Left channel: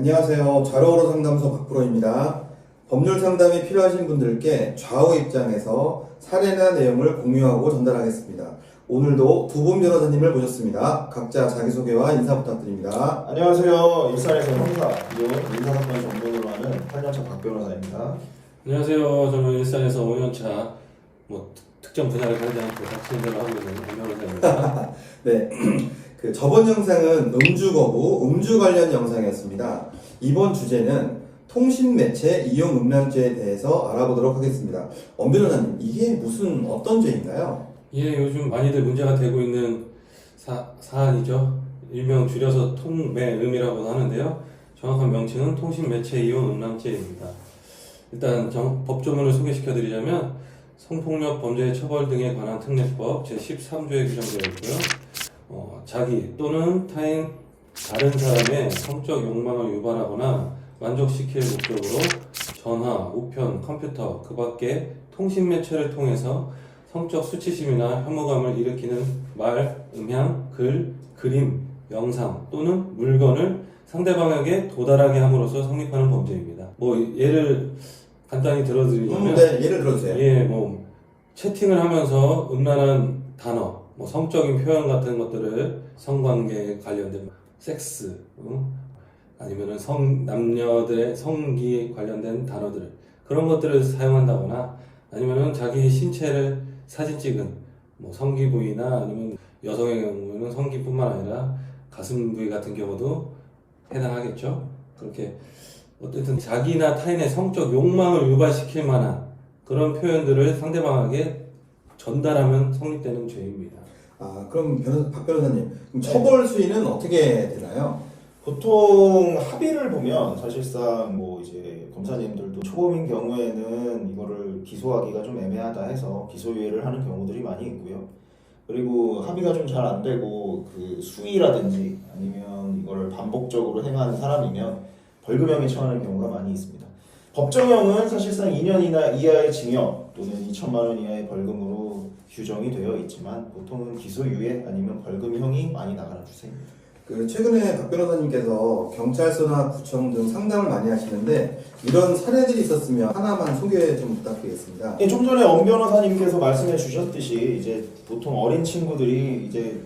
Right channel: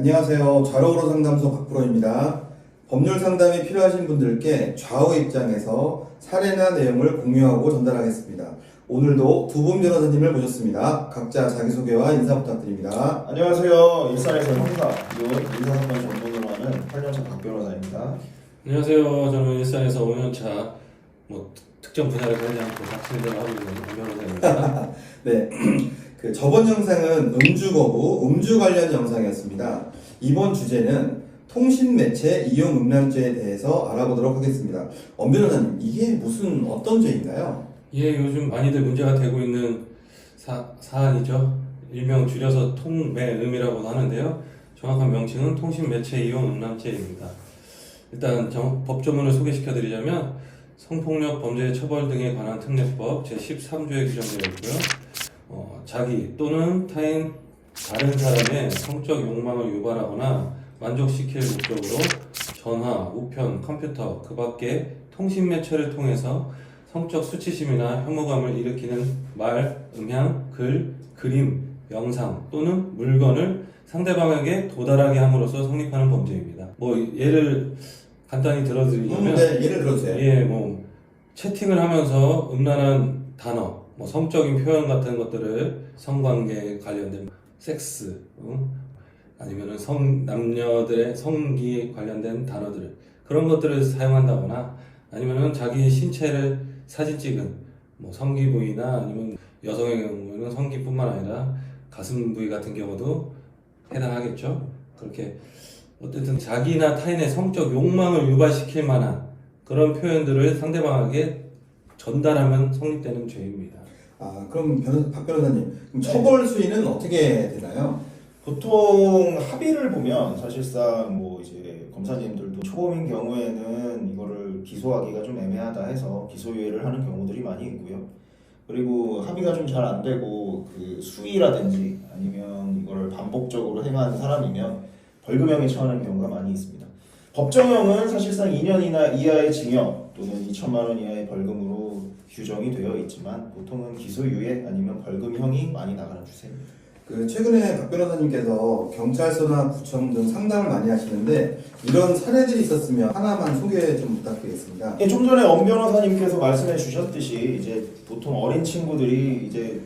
안녕하세요. 좌로우로 상담소 박프로입니다. 법률 상담이 필요하신 분들께 좌우 입장에서 사례나 내용을 공유하고 전달하겠습니다. 오늘도 두 분 변호사님을 모셨습니다. 각자 자기소개와 인사 부탁드립니다. 안녕하세요. 일산에서 형사, 민사사건 전문으로 하는 8년차 박 변호사입니다. 안녕하세요. 저는 일산에서 5년차 특정 분야를 가리지 않고 박신대를 하고 있는 변호사입니다. 네, 저번 영상은 음주 거부, 음주 관련 영상이었습니다. 이번 주제는 통신매체 이용 음란죄에 대해서 알아보도록 하겠습니다. 엄 변호사님, 이게 무슨 어떤 죄인가요? 예, 요즘 많이들 문제가 되고 있는 사안이죠. 일명 줄여서 통매음이라고도 하는데요. 정확한 명칭은 통신매체 이용 음란죄입니다. 일단 법조문을 소개시켜드리자면 성폭력 범죄 처벌 등에 관한 특례법 제13조에 규정되어 있고요. 자기 또는 다른 사람의 성적 욕망을 유발하거나 만족시킬 목적으로 전화, 우편, 컴퓨터, 그 밖에 통신매체를 통해서 성적 수치심이나 혐오감을 일으키는 말, 음향, 글, 그림, 영상 또는 물건을 상대방에게 도달하게 함으로써 성립하는 범죄입니다. 예를 간단히 들어드리자면 네, 예를 들어주세요. 예, 채팅을 하면서 음란한 단어, 성적인 표현 같은 것들을 성관계에 관련된 섹스, 아니면은 남녀들의 성기에 관련된 단어들, 그런 것들을 사용한다거나 아니면은 자기 신체를 사진 찍은 성기 부위나 아니면 여성의 경우는 성기뿐만 아니라 가슴 부위 같은 경우도 해당하겠죠. 그렇게 어쨌든 자기나 타인의 성적 욕망을 유발시킬 만한 그런 표현들을 상대방에게 전달하면 성립되는 죄입니다. 그럼 박 변호사님, 그럼 처벌 수위는 어떻게 되나요? 보통 합의를 보면 사실상 이제 검사님들도 초범인 경우에는 이거를 기소하기가 좀 애매하다 해서 기소유예를 하는 경우들이 많이 있고요. 그리고 합의가 좀 잘 안 되고 그 수위라든지 아니면 이거를 반복적으로 행한 사람이면 벌금형에 처하는 경우가 많이 있습니다. 법정형은 사실상 2년 이하의 징역 또는 2천만 원 이하의 벌금으로 규정이 되어 있지만 보통은 기소유예 아니면 벌금형이 많이 나가는 추세입니다. 최근에 박 변호사님께서 경찰서나 구청 등 상담을 많이 하시는데 이런 사례들이 있었으면 하나만 소개 좀 부탁드리겠습니다. 좀 전에 엄 변호사님께서 말씀해 주셨듯이 이제 보통 어린 친구들이 이제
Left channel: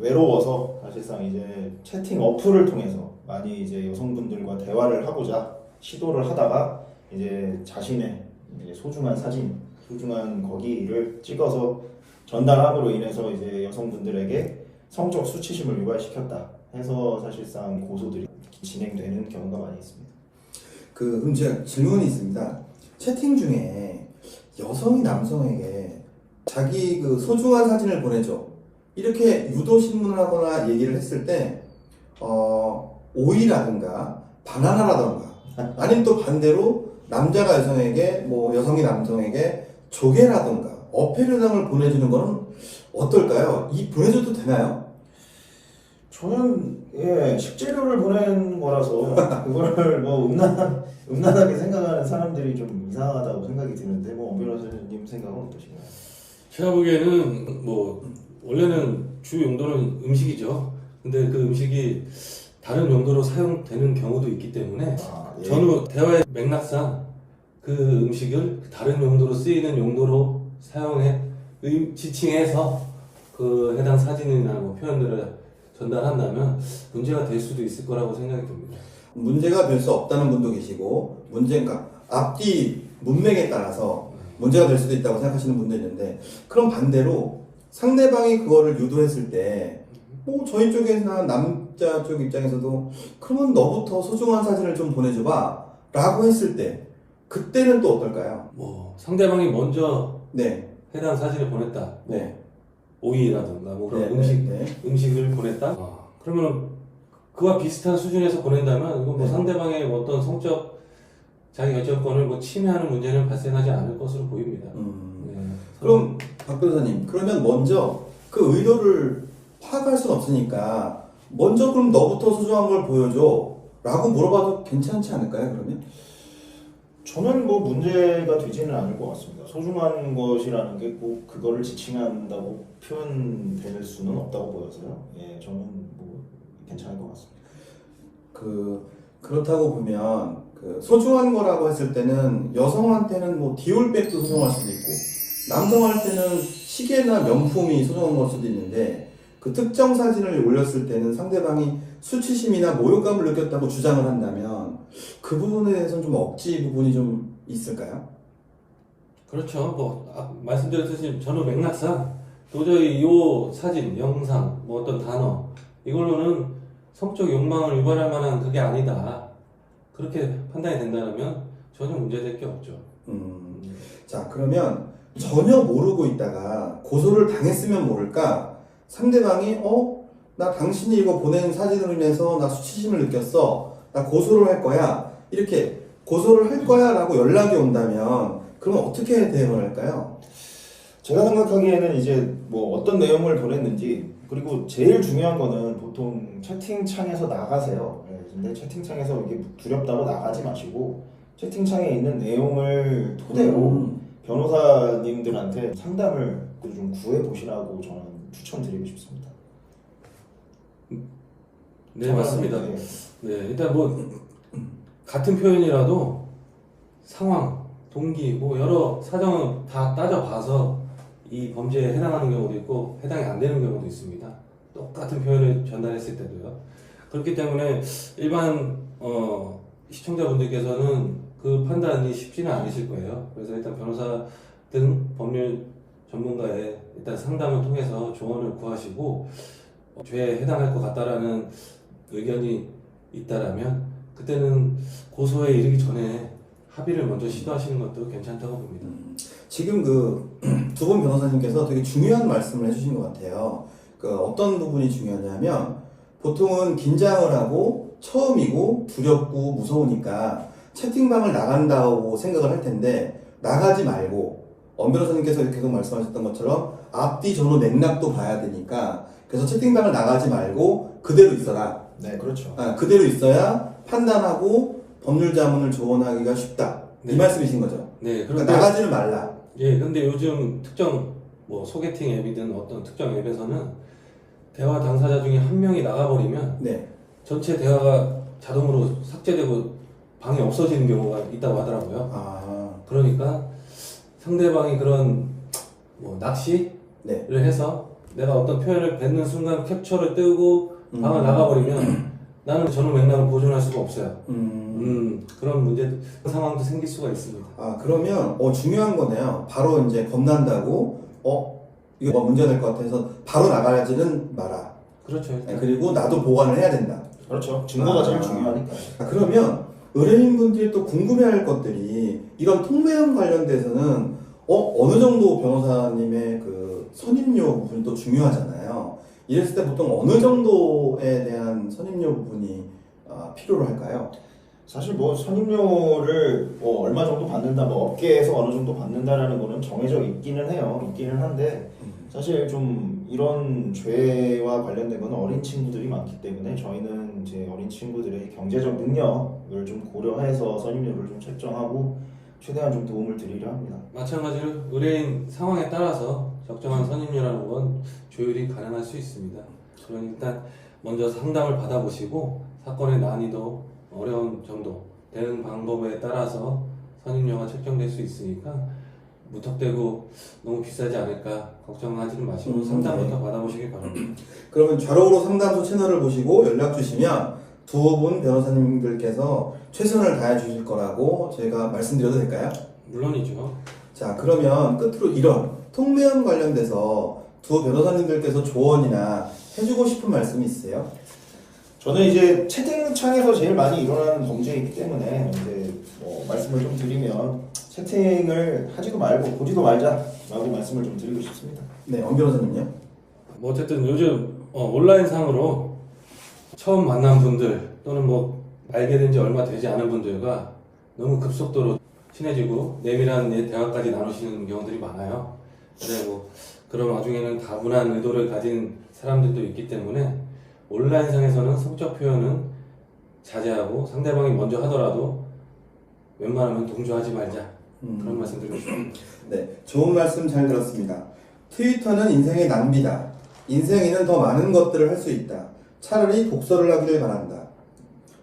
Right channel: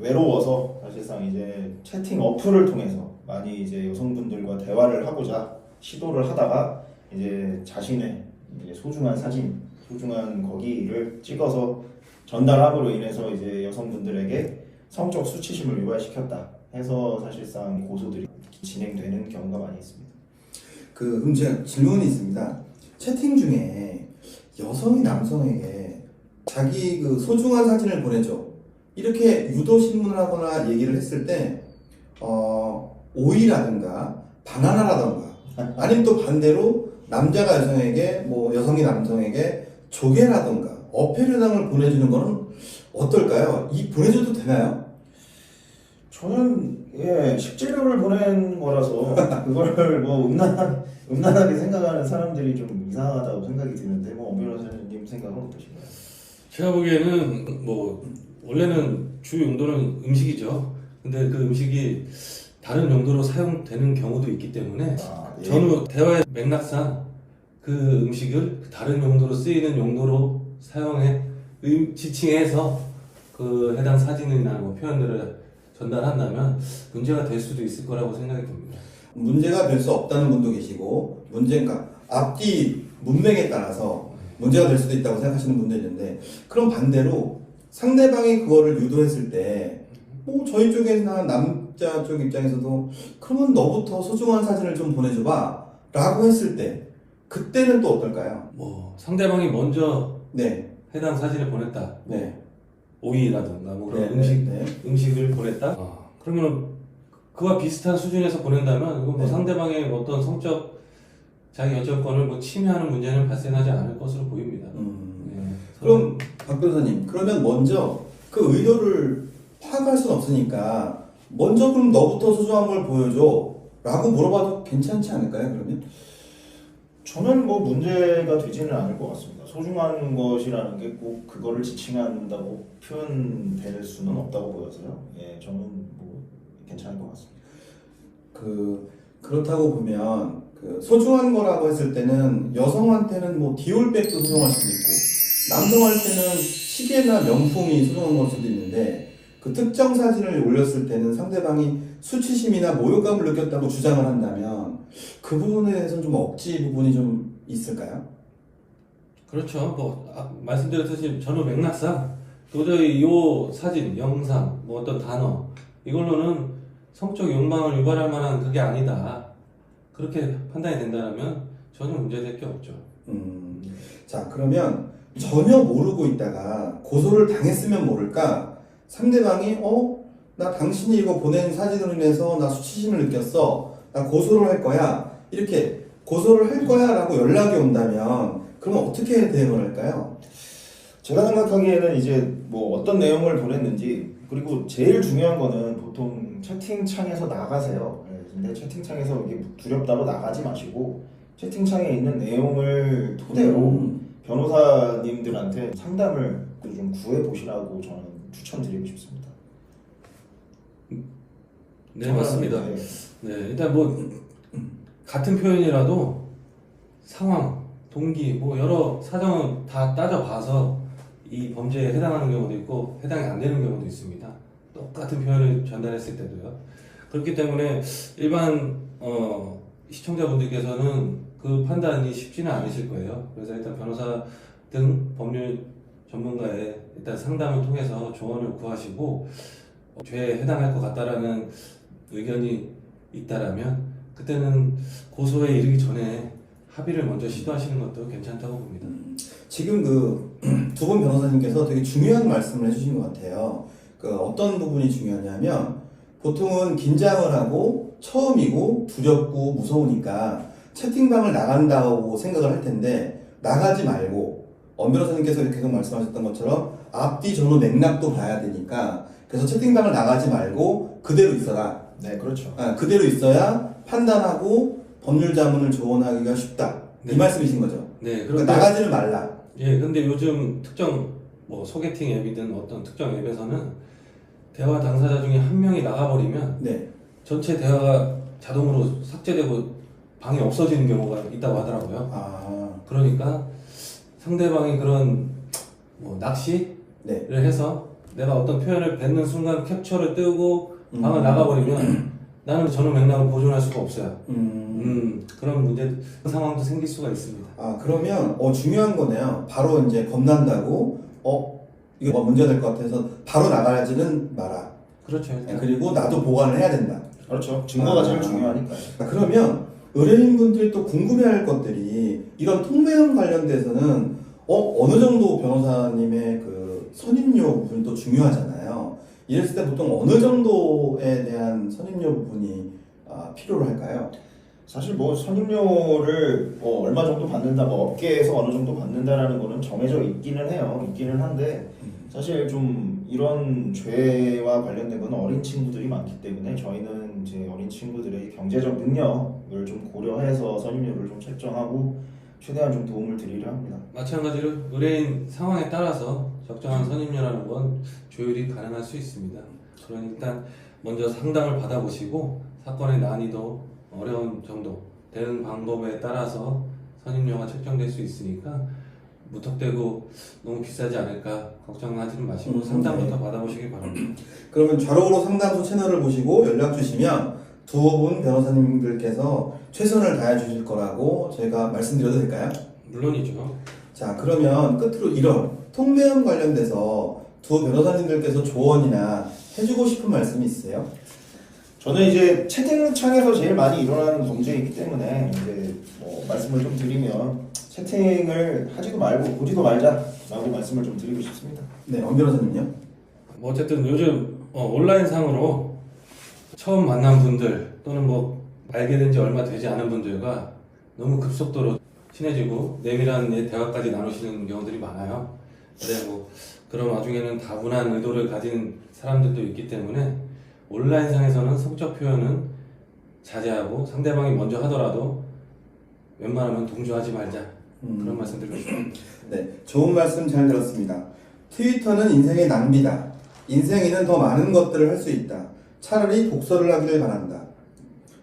외로워서 사실상 이제 채팅 어플을 통해서 많이 이제 여성분들과 대화를 하고자 시도를 하다가 이제 자신의 이제 소중한 사진, 소중한 거기를 찍어서 전달함으로 인해서 이제 여성분들에게 성적 수치심을 유발시켰다 해서 사실상 고소들이 진행되는 경우가 많이 있습니다. 그럼 제가 질문이 있습니다. 채팅 중에 여성이 남성에게 자기 소중한 사진을 보내줘 이렇게 유도 신문하거나 얘기를 했을 때 오이라든가 바나나라든가 아니면 또 반대로 남자가 여성에게 여성이 남성에게 조개라든가 어패류당을 보내주는 거는 어떨까요? 보내줘도 되나요? 저는 식재료를 보낸 거라서 그걸 음란하게 생각하는 사람들이 좀 이상하다고 생각이 드는데 엄 변호사님 생각은 어떠신가요? 제가 보기에는 원래는 주 용도는 음식이죠. 근데 그 음식이 다른 용도로 사용되는 경우도 있기 때문에 전후 대화의 맥락상 그 음식을 다른 용도로 쓰이는 용도로 지칭해서 그 해당 사진이나 표현들을 전달한다면 문제가 될 수도 있을 거라고 생각이 듭니다. 문제가 될 수 없다는 분도 계시고 앞뒤 문맥에 따라서 문제가 될 수도 있다고 생각하시는 분도 있는데, 그럼 반대로 상대방이 그거를 유도했을 때 저희 쪽에나 남자 쪽 입장에서도 그러면 너부터 소중한 사진을 좀 보내줘봐 라고 했을 때 그때는 또 어떨까요? 상대방이 먼저 네. 해당 사진을 보냈다. 네. 오이라든가 그런 음식을 보냈다. 그러면 그와 비슷한 수준에서 보낸다면 이건 상대방의 어떤 성적 자기 결정권을 침해하는 문제는 발생하지 않을 것으로 보입니다. 그럼 박 변호사님, 그러면 먼저 그 의도를 파악할 수는 없으니까 먼저 그럼 너부터 소중한 걸 보여줘 라고 물어봐도 괜찮지 않을까요? 그러면? 저는 문제가 되지는 않을 것 같습니다. 소중한 것이라는 게 꼭 그거를 지칭한다고 표현될 수는 없다고 보여서요. 저는 괜찮을 것 같습니다. 그렇다고 보면 그 소중한 거라고 했을 때는 여성한테는 뭐 디올백도 소중할 수도 있고 남성한테는 시계나 명품이 소중한 걸 수도 있는데 그 특정 사진을 올렸을 때는 상대방이 수치심이나 모욕감을 느꼈다고 주장을 한다면 그 부분에 대해서는 좀 억지 부분이 좀 있을까요? 그렇죠. 뭐 말씀드렸듯이 전후 맥락상 도저히 이 사진, 영상, 뭐 어떤 단어 이걸로는 성적 욕망을 유발할 만한 그게 아니다. 그렇게 판단이 된다면 전혀 문제될 게 없죠. 자, 그러면 전혀 모르고 있다가 고소를 당했으면 모를까 상대방이 나 당신이 이거 보낸 사진으로 인해서 나 수치심을 느꼈어. 나 고소를 할 거야. 이렇게 고소를 할 거야 라고 연락이 온다면 그러면 어떻게 대응을 할까요? 제가 생각하기에는 이제 뭐 어떤 내용을 보냈는지 그리고 제일 중요한 거는 보통 채팅창에서 나가세요. 근데 채팅창에서 이게 두렵다고 나가지 마시고 채팅창에 있는 내용을 토대로 변호사님들한테 상담을 좀 구해 보시라고 저는 추천드리고 싶습니다. 네, 맞습니다. 네, 일단 뭐 같은 표현이라도 상황, 동기, 뭐 여러 사정을 다 따져봐서 이 범죄에 해당하는 경우도 있고 해당이 안 되는 경우도 있습니다. 똑같은 표현을 전달했을 때도요. 그렇기 때문에 일반 시청자분들께서는 그 판단이 쉽지는 않으실 거예요. 그래서 일단 변호사 등 법률 전문가의 일단 상담을 통해서 조언을 구하시고 죄에 해당할 것 같다라는 의견이 있다라면 그때는 고소에 이르기 전에 합의를 먼저 시도하시는 것도 괜찮다고 봅니다. 지금 그 두 분 변호사님께서 되게 중요한 말씀을 해주신 것 같아요. 그 어떤 부분이 중요하냐면 보통은 긴장을 하고 처음이고 두렵고 무서우니까 채팅방을 나간다고 생각을 할 텐데 나가지 말고 엄 변호사님께서 계속 말씀하셨던 것처럼 앞뒤 전후 맥락도 봐야 되니까 그래서 채팅방을 나가지 말고 그대로 있어라. 네, 그렇죠. 그대로 있어야 판단하고 법률 자문을 조언하기가 쉽다. 네. 이 말씀이신 거죠? 네, 그러니까 나가지는 말라. 예, 근데 요즘 특정 뭐 소개팅 앱이든 어떤 특정 앱에서는 대화 당사자 중에 한 명이 나가버리면 네. 전체 대화가 자동으로 삭제되고 방이 없어지는 경우가 있다고 하더라고요. 그러니까 상대방이 그런 뭐 낚시를 네. 해서 내가 어떤 표현을 뱉는 순간 캡처를 뜨고 방을 나가버리면 나는 전후 맥락을 보존할 수가 없어요. 그런 문제 상황도 생길 수가 있습니다. 그러면 중요한 거네요. 바로 이제 겁난다고 이거 뭐 문제가 될 것 같아서 바로 나가지는 마라. 그렇죠. 그리고 나도 보관을 해야 된다. 그렇죠. 증거가 제일 중요하니까. 그러면 의뢰인분들이 또 궁금해할 것들이 이런 통배형 관련돼서는 어느 정도 변호사님의 그 선임료 부분이 또 중요하잖아요. 이랬을 때 보통 어느 정도에 대한 선임료 부분이 필요로 할까요? 사실 뭐 선임료를 얼마 정도 받는다, 뭐 업계에서 어느 정도 받는다라는 거는 정해져 있기는 해요. 있기는 한데 사실 좀 이런 죄와 관련된 건 어린 친구들이 많기 때문에 저희는 이제 어린 친구들의 경제적 능력을 좀 고려해서 선임료를 좀 책정하고 최대한 좀 도움을 드리려 합니다. 마찬가지로 의뢰인 상황에 따라서 적정한 선임료라는 건 조율이 가능할 수 있습니다. 그러니 일단 먼저 상담을 받아보시고 사건의 난이도, 어려운 정도, 대응 방법에 따라서 선임료가 책정될 수 있으니까 무턱대고 너무 비싸지 않을까 걱정하지는 마시고 상담부터 받아보시기 바랍니다. 그러면 좌록으로 상담소 채널을 보시고 연락 주시면 두 분 변호사님들께서 최선을 다해 주실 거라고 제가 말씀드려도 될까요? 물론이죠. 자, 그러면 끝으로 이런 통배형 관련돼서 두 변호사님들께서 조언이나 해주고 싶은 말씀이 있으세요? 저는 이제 채팅창에서 제일 많이 일어나는 범죄이기 때문에 이제 말씀을 좀 드리면 채팅을 하지도 말고 보지도 말자라고 말씀을 좀 드리고 싶습니다. 네, 엄 변호사님요? 뭐 어쨌든 요즘 온라인상으로 처음 만난 분들 또는 뭐 알게 된 지 얼마 되지 않은 분들과 너무 급속도로 친해지고 내밀한 대화까지 나누시는 경우들이 많아요. 근데 뭐 그런 와중에는 다분한 의도를 가진 사람들도 있기 때문에 온라인상에서는 성적 표현은 자제하고 상대방이 먼저 하더라도 웬만하면 동조하지 말자. 그런 말씀 드리고 싶습니다. 네, 좋은 말씀 잘 들었습니다. 트위터는 인생의 낭비다. 인생에는 더 많은 것들을 할 수 있다. 차라리 독서를 하기를 바란다.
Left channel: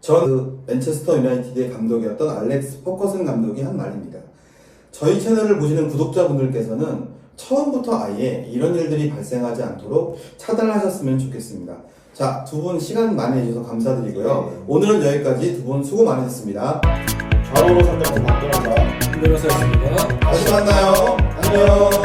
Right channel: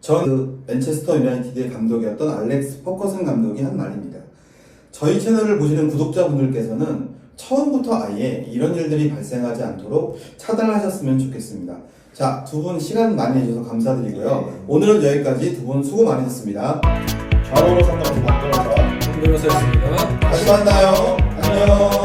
전 맨체스터 유나이티드의 감독이었던 알렉스 퍼커슨 감독이 한 말입니다. 저희 채널을 보시는 구독자분들께서는 처음부터 아예 이런 일들이 발생하지 않도록 차단하셨으면 좋겠습니다. 자, 두 분 시간 많이 내주셔서 감사드리고요. 오늘은 여기까지. 두 분 수고 많으셨습니다. 좌로로 상담 박변호사 변호사였습니다. 다시 만나요. 안녕.